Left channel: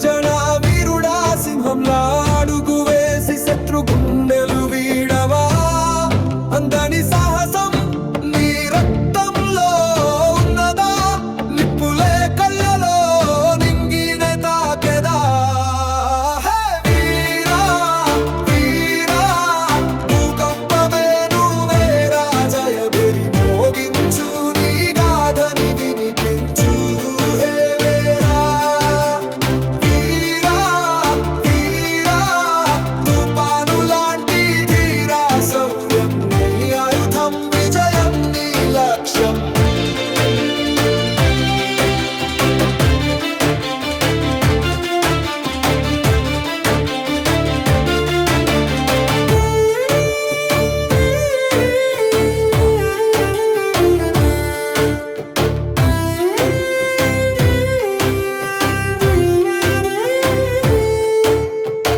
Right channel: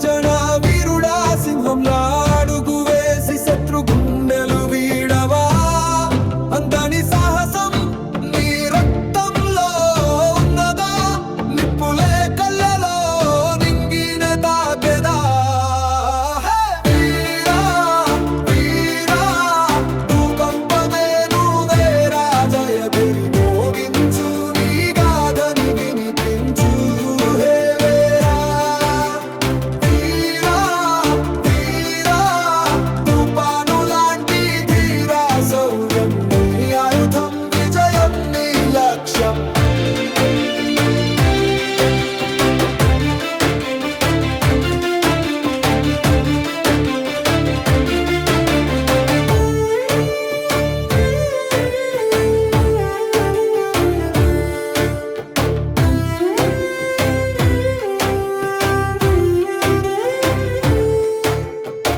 గర్జన వీరుడా సింహంలా అడుగు వేసి శత్రు గుండెలు వీడవా అందని సాహసం నీ రక్తంలో ఉన్నదా నిప్పులే కళ్ళలో నింగిన తాకెదా వీరా వీరా భూకంపమే నువ్వే రాజయ బెరి మోగించు నీ గాథని వినిపించు హే వీరా వీరా వీరా తుఫాను లాంటి ధీరా శౌర్యం నీ ఆయుధం విజయం నీ లక్ష్యం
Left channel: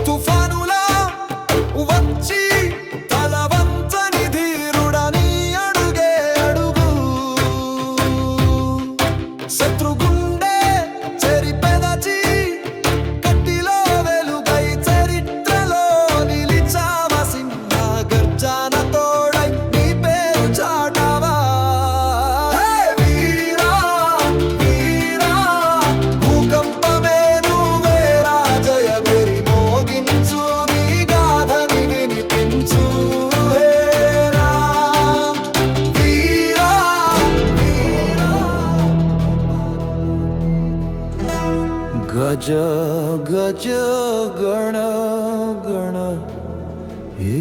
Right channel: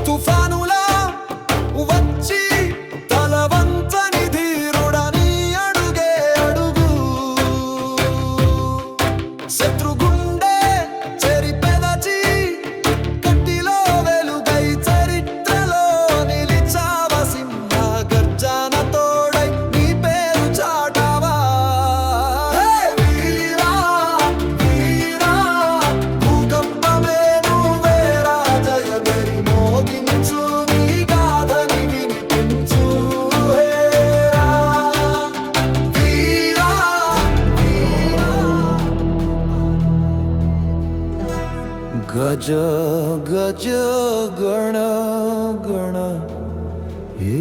తుఫానులా వచ్చి తలవంచని ధీరుడని అడుగే అడుగు శత్రుగుండె చెరిపెదచి కట్టిలో వెలుగై చరిత్రలో నిలిచావ సింహ గర్జన తోడై నీ పేరు చాటావా హే వీరా వీరా భూకంపమే నువ్వే రాజయ బెరి మోగించు నీ గాథని వినిపించు హేరా వీరా వీరా గజ గజ గణ గణ హే